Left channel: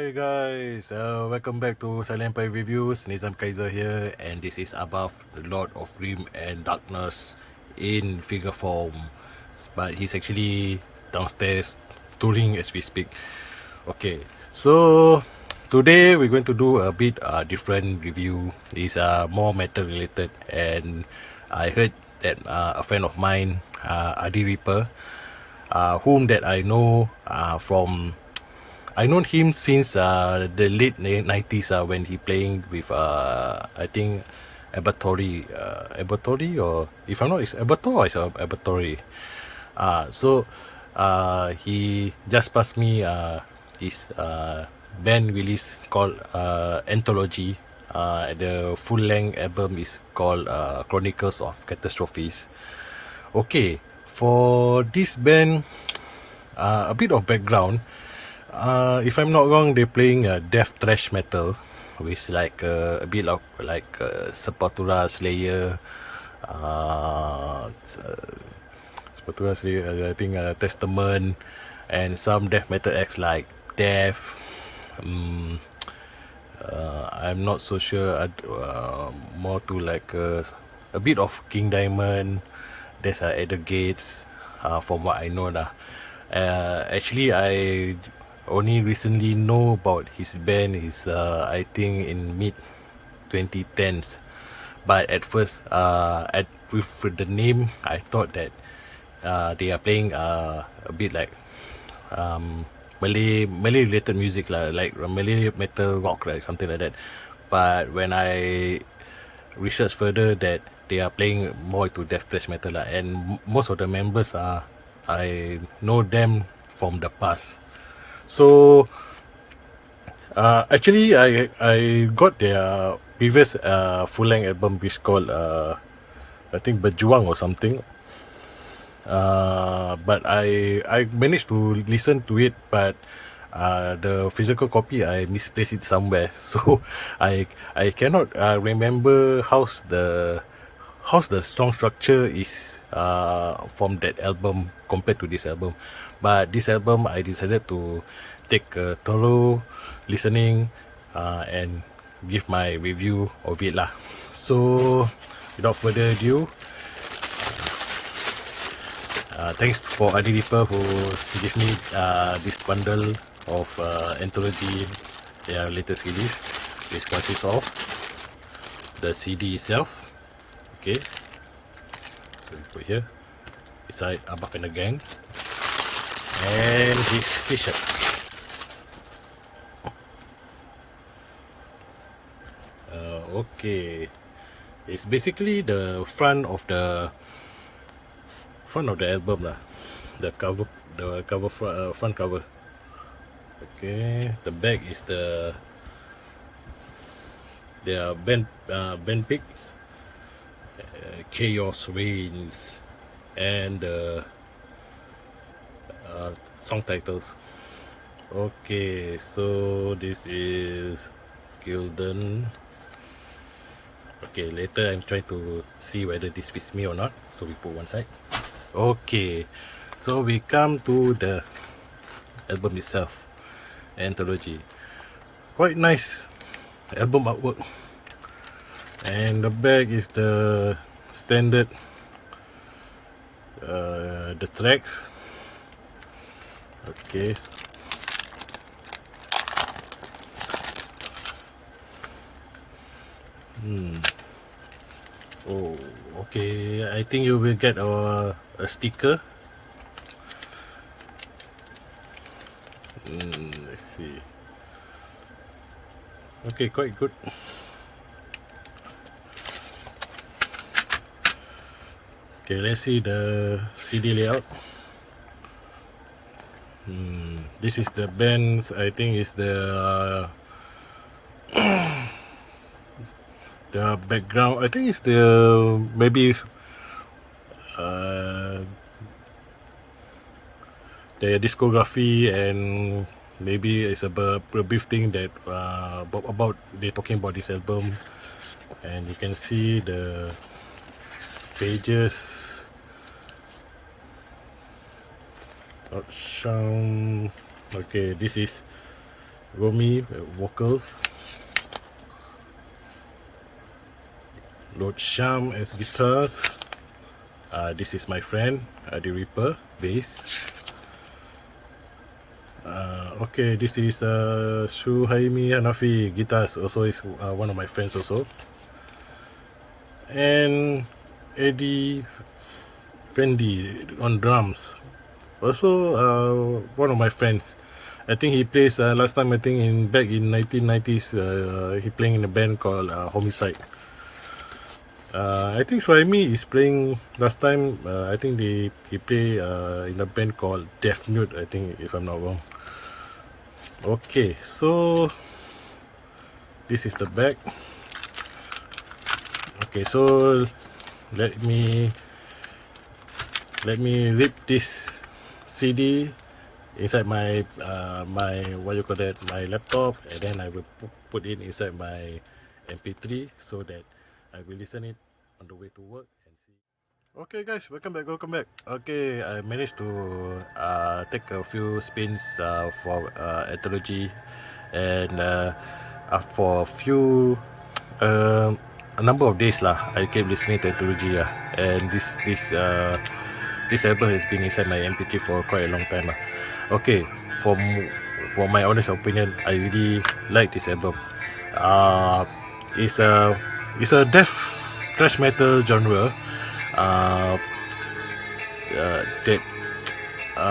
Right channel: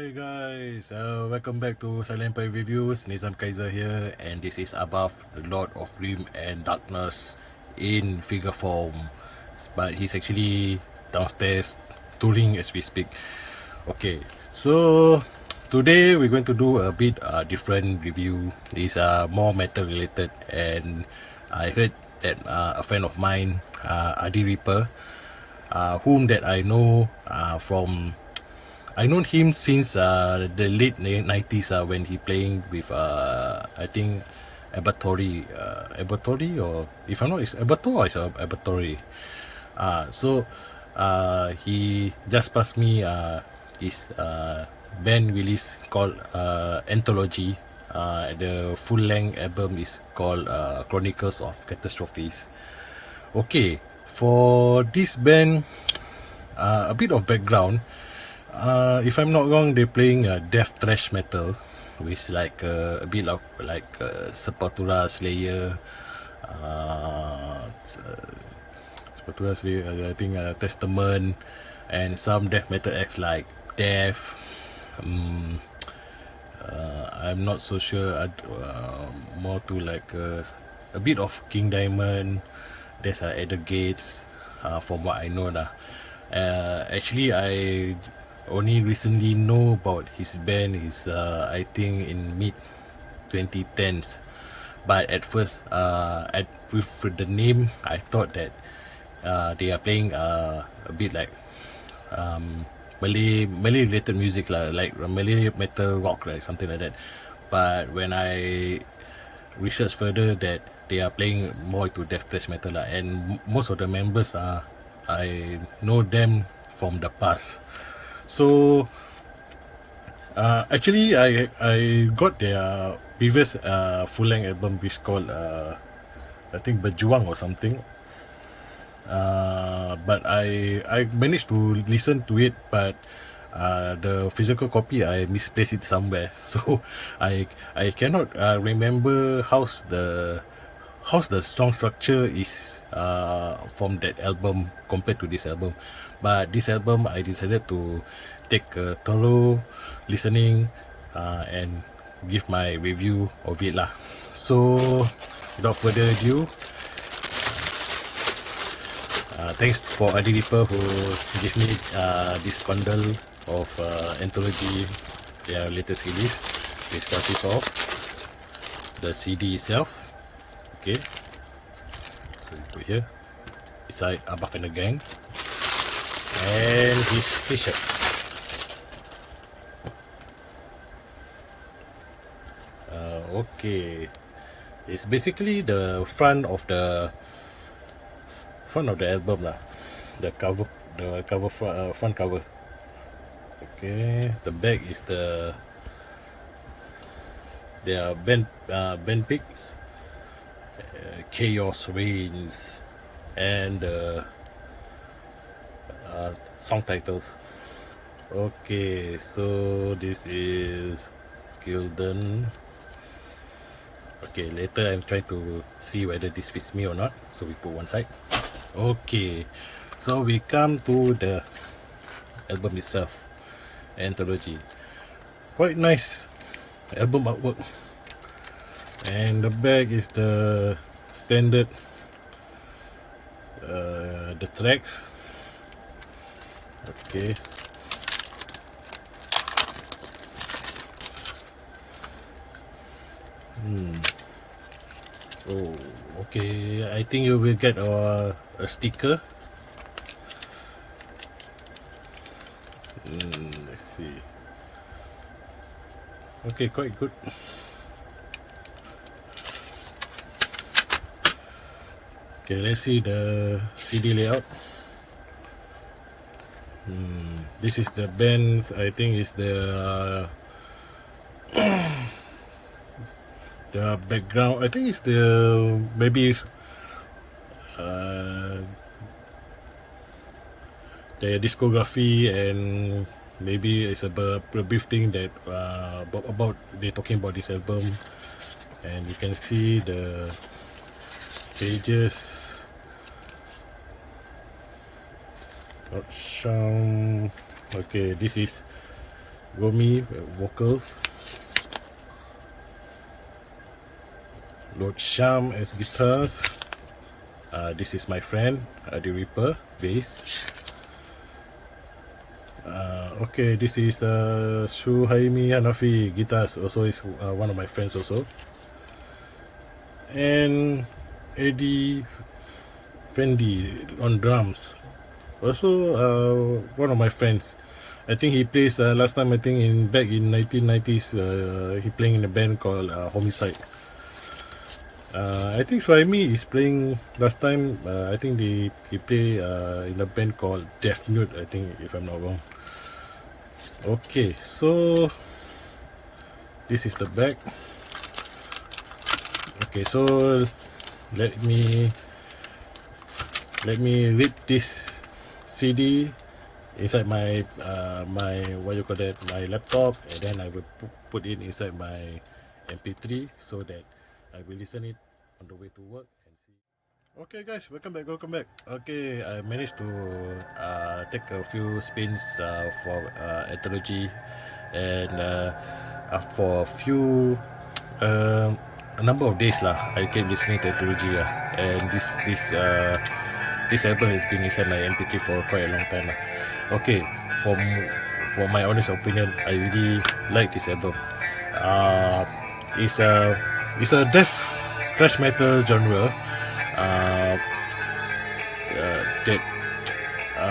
Hi guys, welcome back to Silent Empire Reviews. Nizam Kaiser here, and this is Above, the Lord of Grim and Darkness in figure form. But he's actually downstairs touring as we speak. Okay, so today we're going to do a bit different review. It's more metal related, and I heard that a friend of mine, Adi Reaper, whom that I know from I known him since the late 90s when he playing with I think Abertory, or if I'm not, it's Abertor or it's Abertory. So he just passed me his band release called Antologi. The full length album is called Chronicles of Catastrophe. Okay, for this band, a bit of background. If I'm not wrong, they're playing death thrash metal with like a bit of like Sepultura, Slayer, Sepultura, Slayer, I think Testament, and some death metal acts like Death. I'm not so sure. More to like a bit of King Diamond. There's at the Gates, from what I know lah. Actually, I only recently know about his band is I think in mid 2010s. But at first, with the name, I thought that they are playing a bit like Malay related music lah, like Malay metal rock, like something like that. But when I research further, that they are playing more to death thrash metal lah, and most of the members are I know them from the past. So actually I got their previous full length album, which called I think Berjuang or something. But I managed to listen to it, but the physical copy I misplaced it somewhere, so I cannot remember how's the song structure is from that album compared to this album. But this album, I decided to take a thorough listening and give my review of it lah. So without further ado, thanks for Adi Reaper who gave me this bundle of Antologi, their latest release. This consists of the CD itself. Okay, so we put here beside Abaf and the Gang, and his t-shirt. Okay, it's basically the front of the album lah, the front cover. Okay, the back is their band pic, Chaos Reigns, and song titles. Okay, so this is Gildan. Okay, later I'm trying to see whether this fits me or not, so we put one side. Okay, so we come to the album itself, Antologi. Quite nice album artwork, and the back is the standard the tracks. Okay, oh, okay, I think you will get a sticker. Let's see. Okay, quite good. Okay, let's see the CD layout. This is the band's, I think is the background. I think it's the maybe the discography, and maybe it's a brief thing that about they're talking about this album, and you can see the pages. Not shown. Okay, this is Romy vocals, Lord Sham as guitars. This is my friend, the Reaper, bass. Okay, this is Suhaimi Hanafi, guitars, also is one of my friends also. And Eddie Fendi on drums, also one of my friends. I think he plays last time, I think back in 1990s, he playing in a band called Homicide. I think Suhaimi is playing last time. I think he play in a band called Death Mute, I think, if I'm not wrong. Okay, so this is the back. Okay, so let me rip this CD inside my my what you call that, my laptop, and then I will put it inside my MP3 so that I will listen it on the way to work and see. Okay guys, welcome back. Okay, I managed to take a few spins for Antologi, and for a number of days lah, I kept listening to Antologi and this album has been inside my MP3 for quite a long time. Okay, for my honest opinion, I really like this album. It's a death thrash metal genre that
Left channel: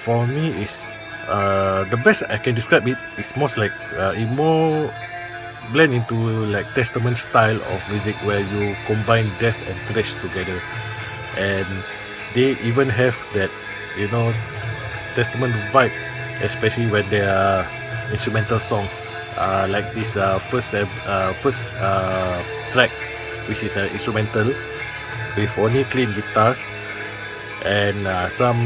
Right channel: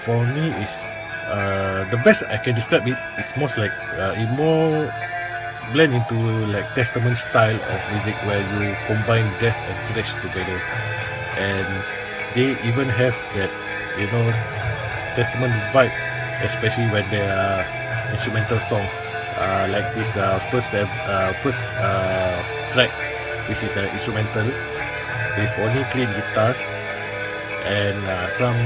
for me is the best I can describe it is most like it more blend into like Testament style of music where you combine death and thrash together, and they even have that, you know, Testament vibe, especially when there are instrumental songs like this first track, which is instrumental with only clean guitars and some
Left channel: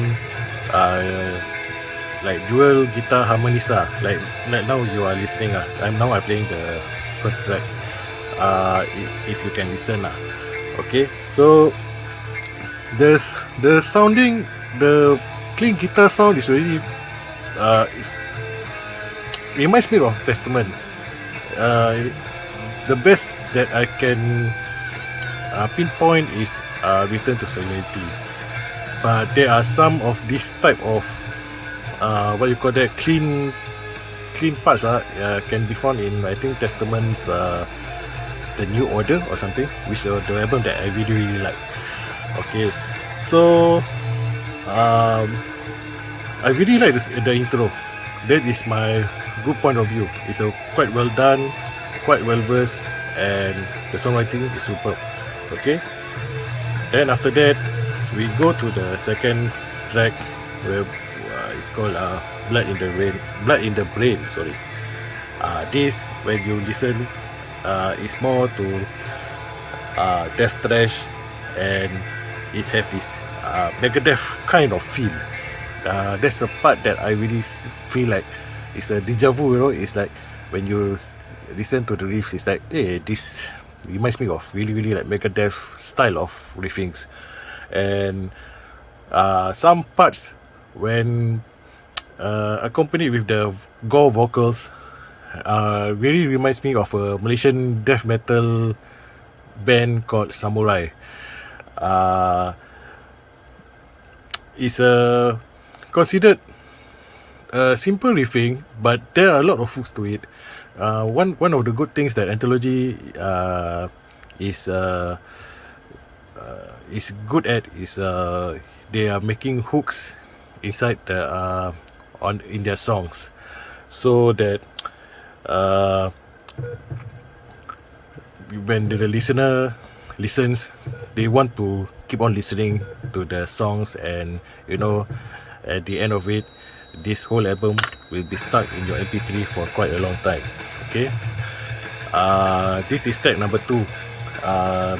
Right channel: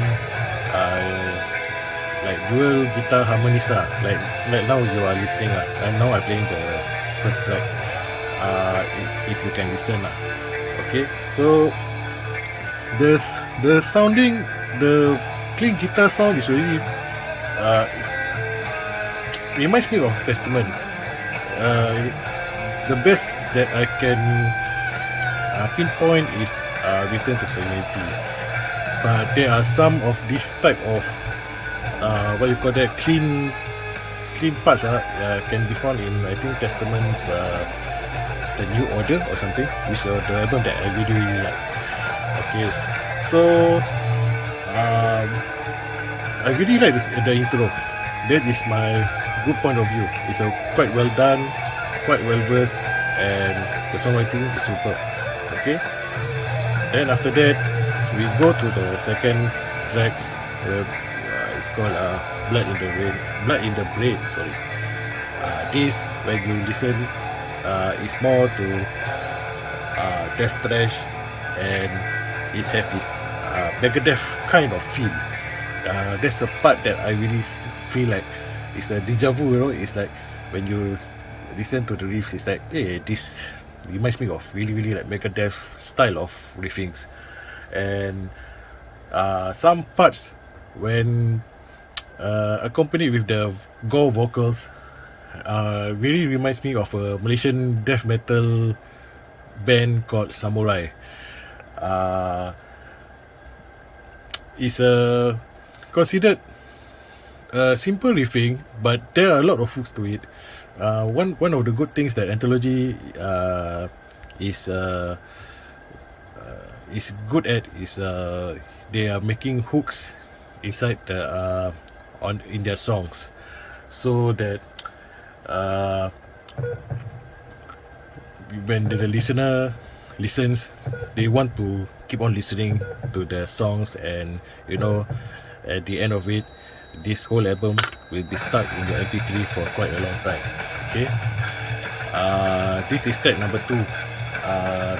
like dual guitar harmonisa, like now you are listening. I'm playing the first track. If you can listen okay, so the sounding, the clean guitar sound is really reminds me of Testament. The best that I can pinpoint is Return to Serenity, but there are some of this type of what you call that, clean parts can be found in, I think, Testament's The New Order or something, which is the album that I really like. Okay, so I really like the intro. That is my good point of view. It's quite well done, quite well versed, and the songwriting is superb. Okay, then after that we go to the second track, where it's called Blood in the Brain. Sorry. This, when you listen, is more to death thrash, and it has this Megadeth kind of feel. That's a part that I really feel like it's a deja vu. You know, it's like when you listen to the riffs, it's like, hey, this reminds me of really like Megadeth style of riffings, and some parts when accompanied with the gore vocals really reminds me of a Malaysian death metal band called Samurai. It's considered a simple riffing, but there are a lot of hooks to it. One of the good things that Antologi is good at is they are making hooks inside the in their songs, so that when the listener listens, they want to keep on listening to the songs, and you know, at the end of it, this whole album will be stuck in your MP3 for quite a long time. Okay, this is track number 2,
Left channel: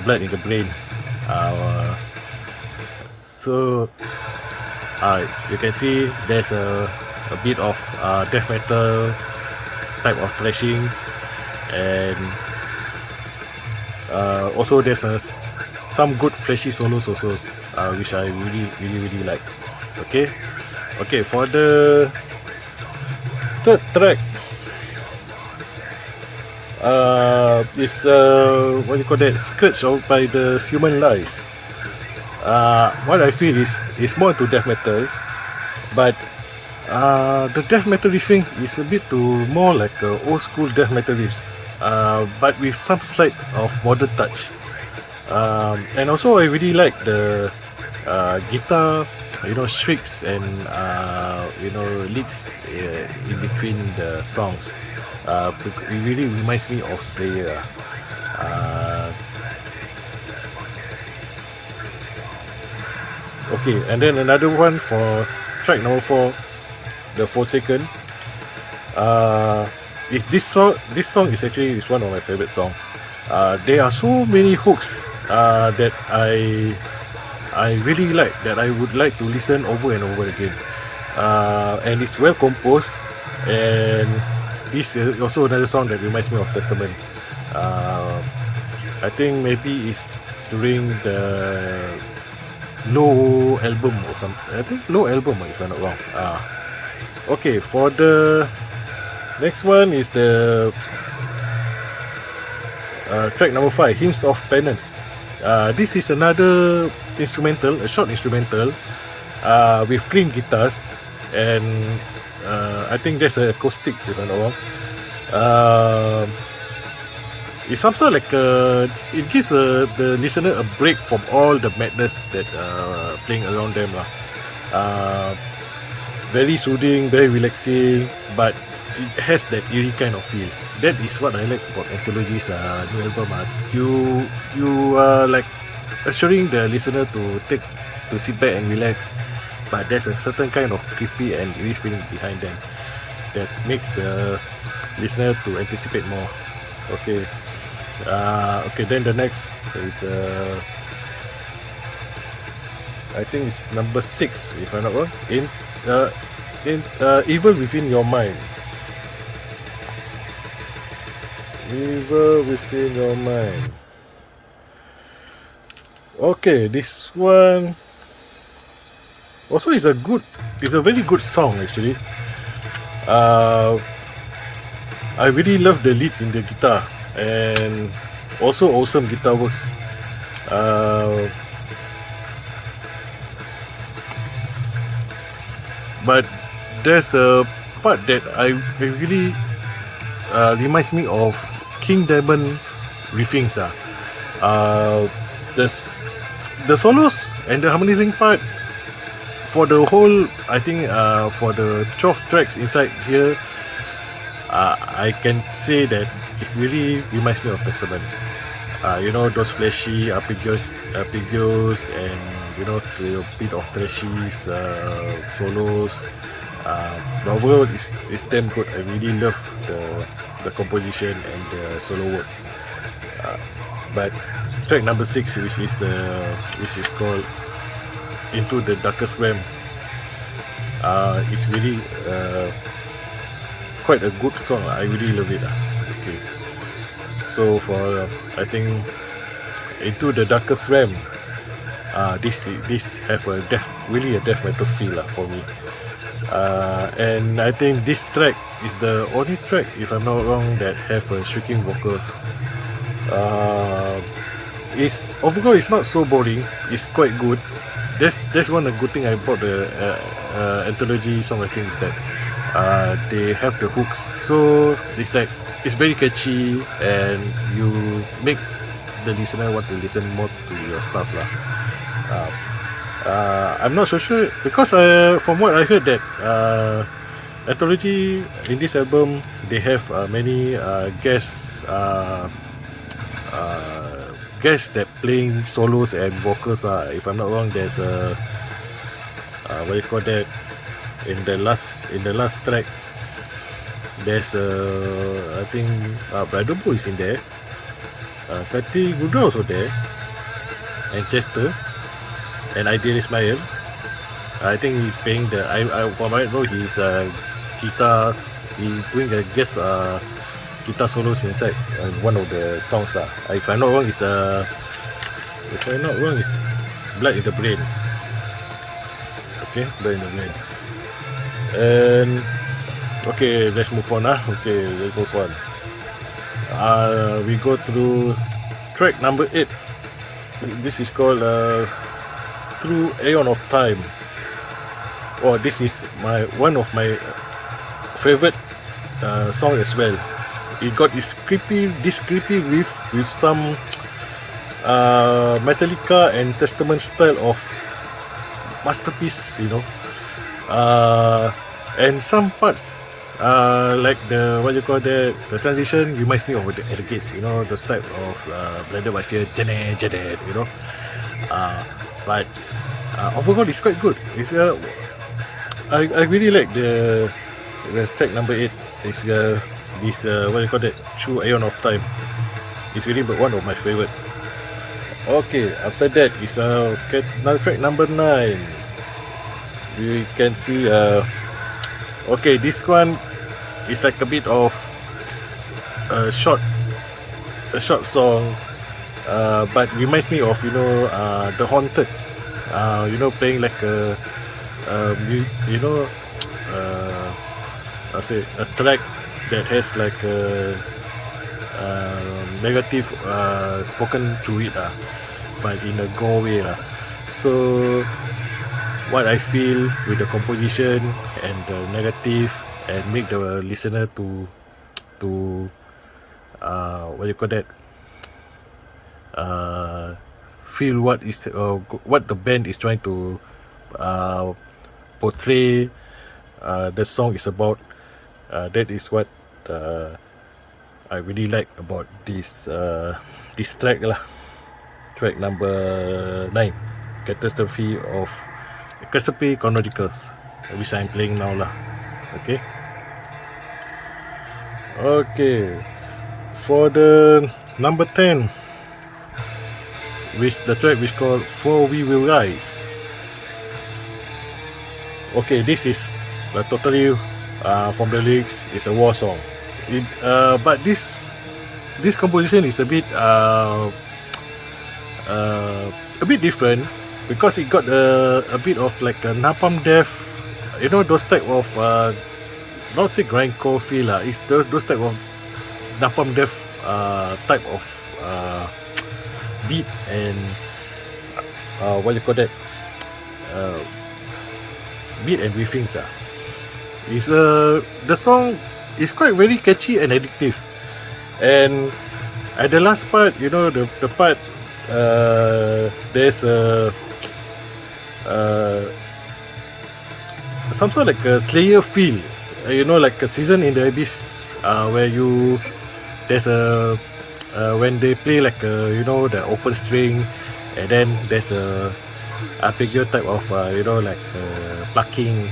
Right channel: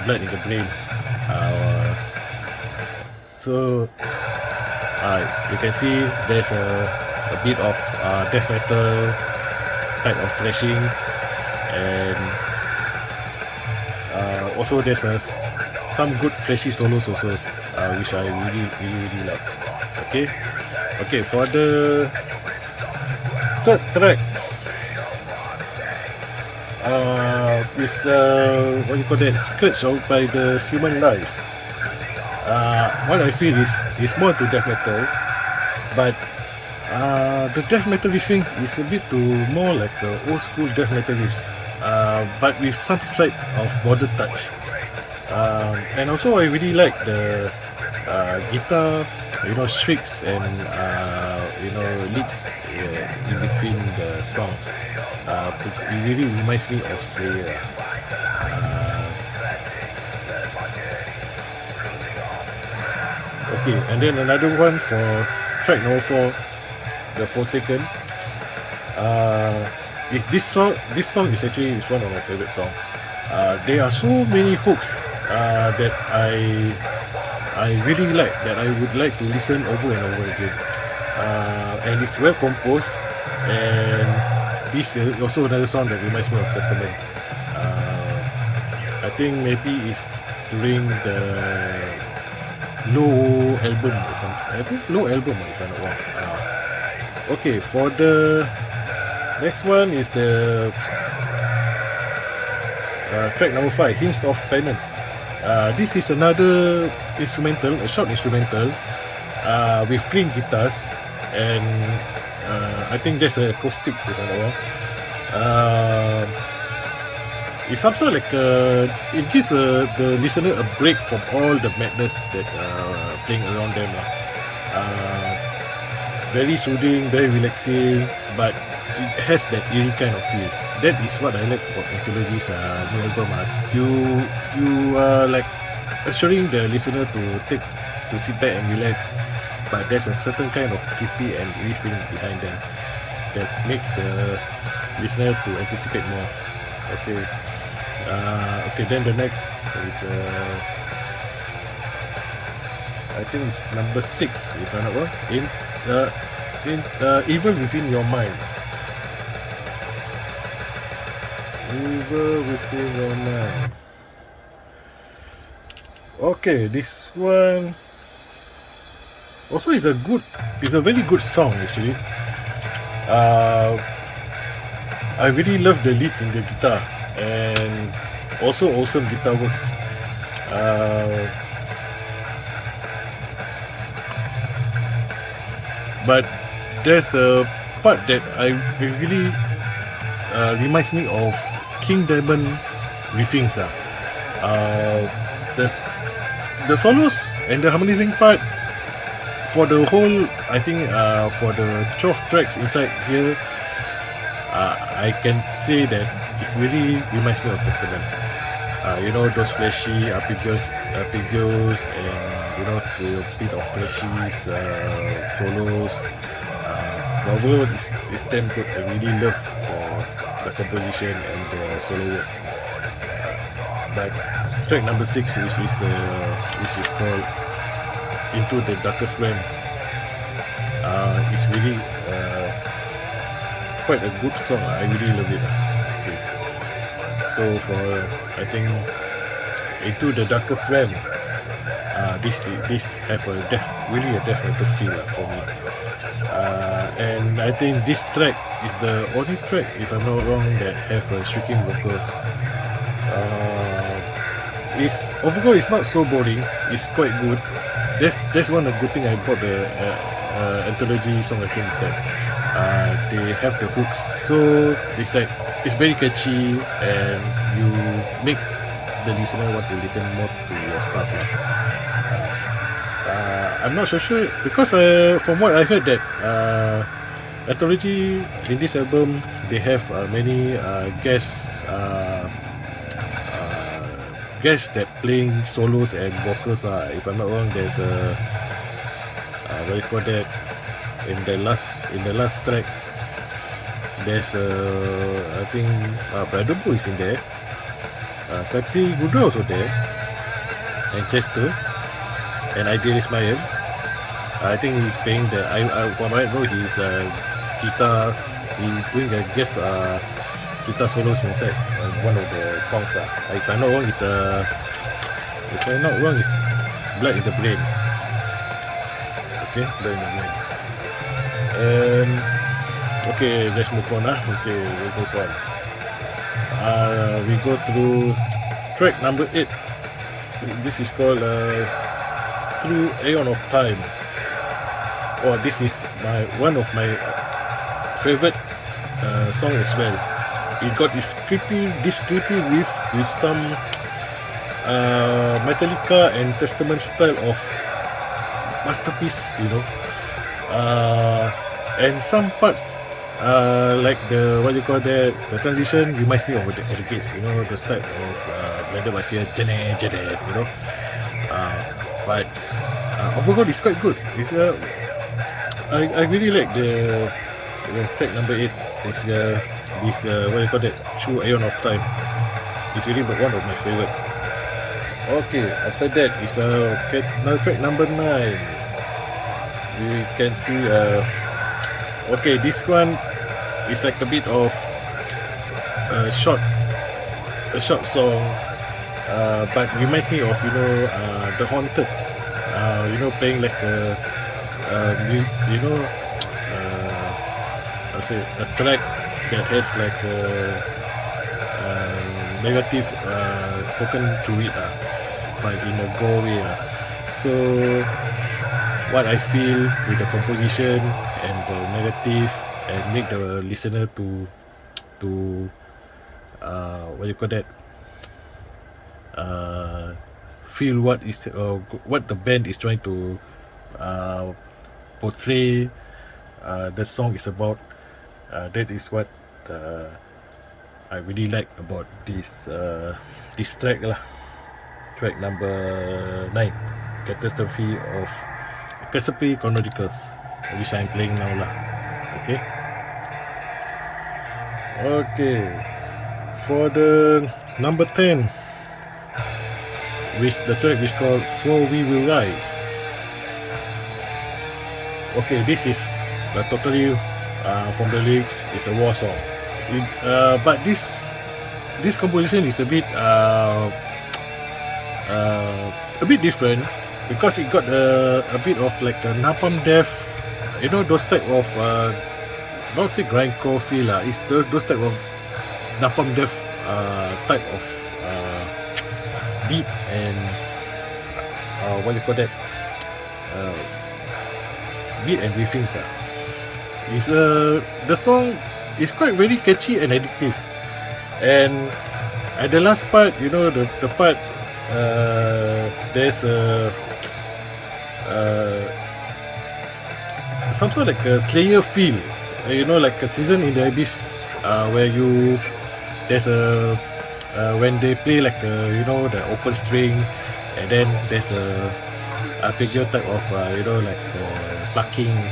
Blood in the Brain. So you can see there's a bit of death metal type of thrashing, and also there's some good flashy solos also, which I really like. Okay, for the third track, is what you call that, skirts out by the human life. What I feel is more to death metal, but the death metal riffing is a bit too more like old school death metal riffs, but with some slight of modern touch. And also I really like the guitar, shrieks and leads in between the songs. It really reminds me of Slayer. Okay, and then another one for track number 4, the Forsaken. This song is actually one of my favorite songs. There are so many hooks that I really like, that I would like to listen over and over again. And it's well composed, and this is also another song that reminds me of Testament. I think maybe it's during the Low album or something. I think Low album, if I'm not wrong. Okay, for the next one is the track number 5, Hymns of Penance. This is another instrumental, a short instrumental with clean guitars, and I think there's an acoustic, if I'm not wrong. It's some sort like it gives the listener a break from all the madness that playing around them. Very soothing, very relaxing, but it has that eerie kind of feel. That is what I like about Antologi's new album. You are like assuring the listener to sit back and relax, but there's a certain kind of creepy and eerie feeling behind them that makes the listener to anticipate more. Okay. Then the next is I think it's number 6, if I'm not wrong. Evil Within Your Mind. Evil Within Your Mind. Okay, this one also is a very good song actually. I really love the leads in the guitar, and also awesome guitar works. But there's a part that I really reminds me of King Diamond riffings. The solos and the harmonizing part for the whole, I think for the 12 tracks inside here, I can say that it really reminds me of Testament. Those flashy arpeggios, and a bit of thrashy solos. The overall is damn good. I really love for the composition and the solo work. But track number 6, which is called Into the Darkest Realm, is really quite a good song. I really love it. Okay. So for I think Into the Darkest Realm, this have really a death metal feel for me. And I think this track is the only track, if I'm not wrong, that have shrieking vocals. Overall it's not so boring. It's quite good. That's one of the good thing I bought the Antologi songwriting, is that they have the hooks, so it's very catchy, and you make the listener want to listen more to your stuff lah. I'm not so sure, because from what I heard that Antologi in this album, they have many guests that playing solos and vocals. If I'm not wrong, there's a what you call that, in the last track, there's I think Brother Bo is in there, Kati Guda also there, and Chester, and Ideal Ismail. I think he's playing for my know he's guitar. He's doing a guest guitar solos inside one of the songs. If I'm not wrong, it's Blood in the Brain. Okay, Blood in the Brain. And okay, let's move on. Okay, let's move on. we go through track number 8. This is called Through Aeon of Time. Oh, this is one of my favorite song as well. It got this creepy riff with some Metallica and Testament style of masterpiece, you know. And some parts like the what you call that, the transition reminds me of the Gates, you know, the type of Blinded by Fear, Janet, you know. But overall it's quite good. It's I really like the track number 8. It's this what you call that, Through Aeon of Time. It's really one of my favorite. Okay, after that is now track number 9. You can see okay, this one is like a bit of a short song, but reminds me of, you know, The Haunted, you know, playing like a you know, I say a track that has like a negative spoken to it, but in a gore way. So what I feel with the composition and the negative, and make the listener to what you call that, feel what the band is trying to portray the song is about. That is what I really like about this track lah. Track number 9, Catastrophe Chronicles, which I'm playing now lah. Okay, for the number 10, which the track is called For We Will Rise. Okay, this is totally from the lyrics, it's a war song. But this composition is a bit different, because it got a bit of like a Napalm Death, you know, those type of not say grindcore feel lah. It's those type of Napalm Death type of beat and what you call that, beat and riffings. It's the song is quite very catchy and addictive. And at the last part, you know, the part there's some sort of like a Slayer feel, you know, like a Season in the Abyss, where there's a when they play like you know, the open string, and then there's a arpeggio type of you know, like plucking,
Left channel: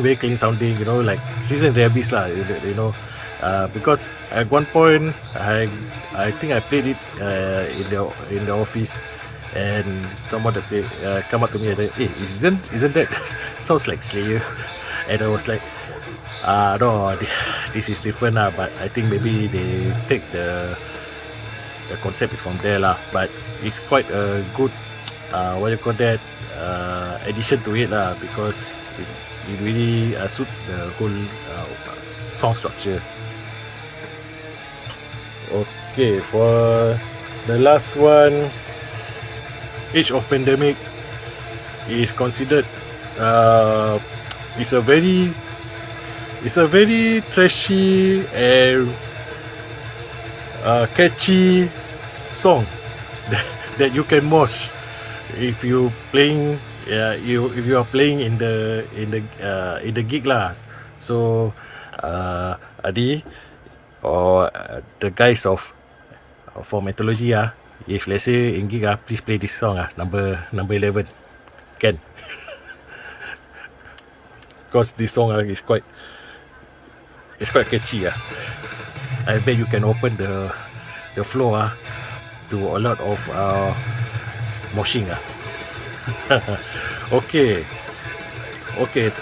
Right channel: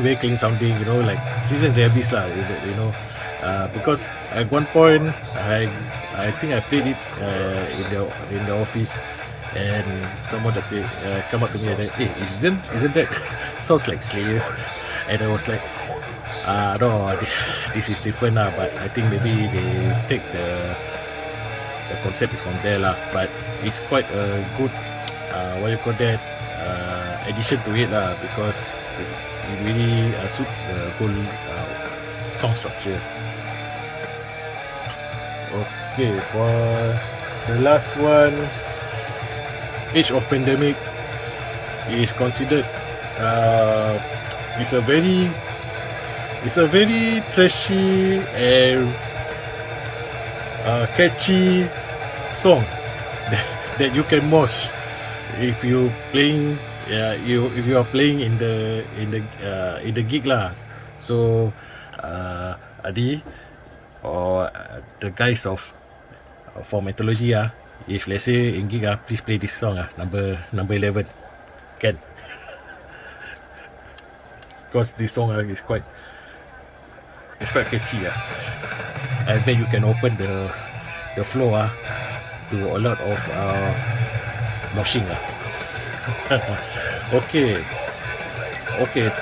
very clean sounding, you know, like Season in the Abyss lah, you know. Because at one point I think I played it in the office, and someone that come up to me and say, "Hey, isn't that sounds like Slayer?" And I was like, no, this is different lah. But I think maybe they take the concept is from there lah. But it's quite a good what you call that, addition to it lah, because it really suits the whole song structure. Okay, for the last one, Age of Pandemic is considered it's a very trashy and catchy song that you can mosh if you playing, if you are playing in the gig lah. So Adi or the guys for Antologi, if let's say in gig, please play this song, number 11, can, because this song is quite catchy. I bet you can open the floor to a lot of moshing. Okay,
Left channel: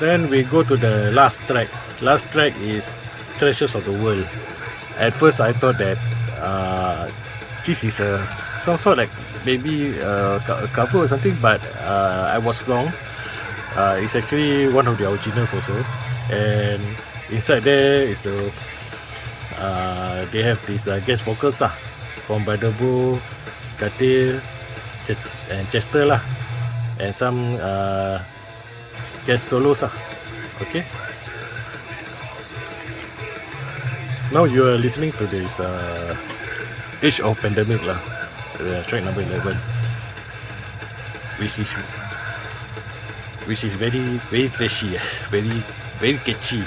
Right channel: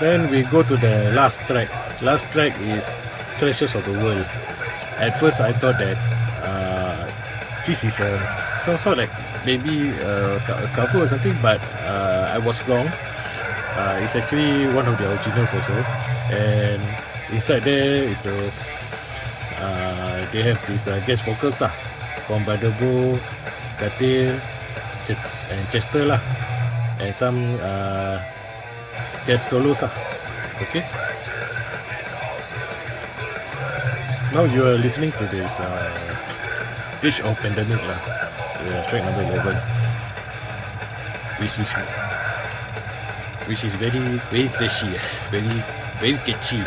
then we go to the last track. Last track is Treasures of the World. At first I thought that this is some sort like maybe a cover or something, but I was wrong. It's actually one of the originals also, and inside there is the they have these guest vocals from Brother Bo, Katil, and Chester and some guest solos okay. Now you are listening to this Age of Pandemic track number 11, which is very trashy, very catchy.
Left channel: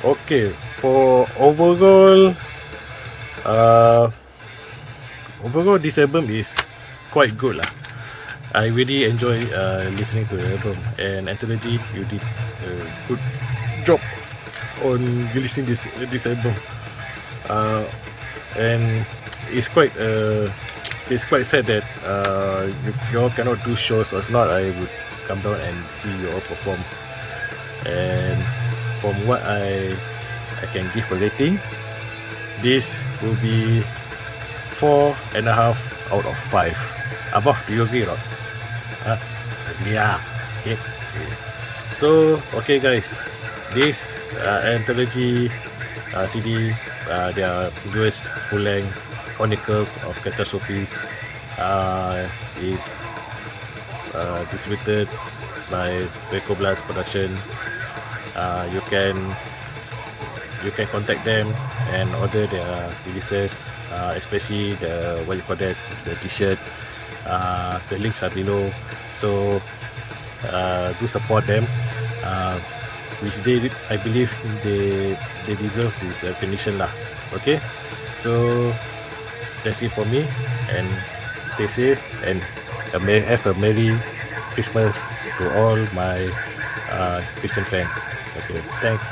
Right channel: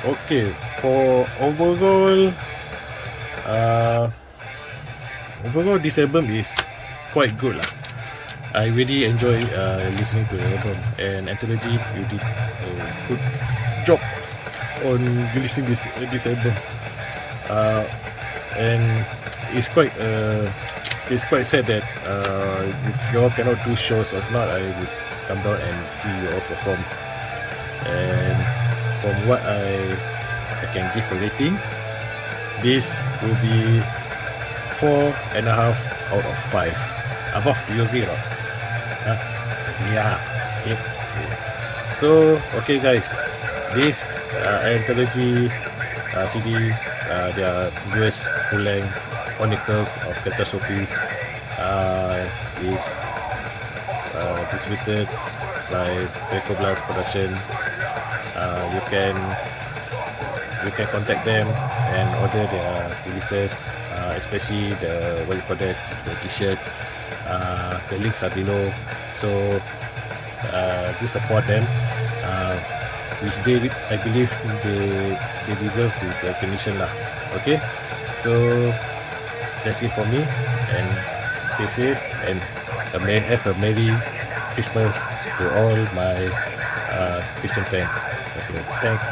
Okay, for overall this album is quite good I really enjoy listening to the album, and Antologi, you did a good job on releasing this album. And it's quite sad that you all cannot do shows. Or if not, I would come down and see you all perform. And from what I can give a rating, this will be 4.5 out of 5. Abah, do you agree or not? Yeah. Okay. So, okay guys, this Antologi CD, their newest full-length Chronicles of Catastrophe is distributed by Blast Production. You can contact them and order their releases, especially the t-shirt. The links are below, so do support them, which I believe they deserve this recognition okay. So that's it for me, and stay safe and have a Merry Christmas to all my Christian fans. Okay, thanks.